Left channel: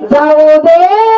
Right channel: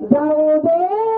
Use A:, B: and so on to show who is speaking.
A: Zavode!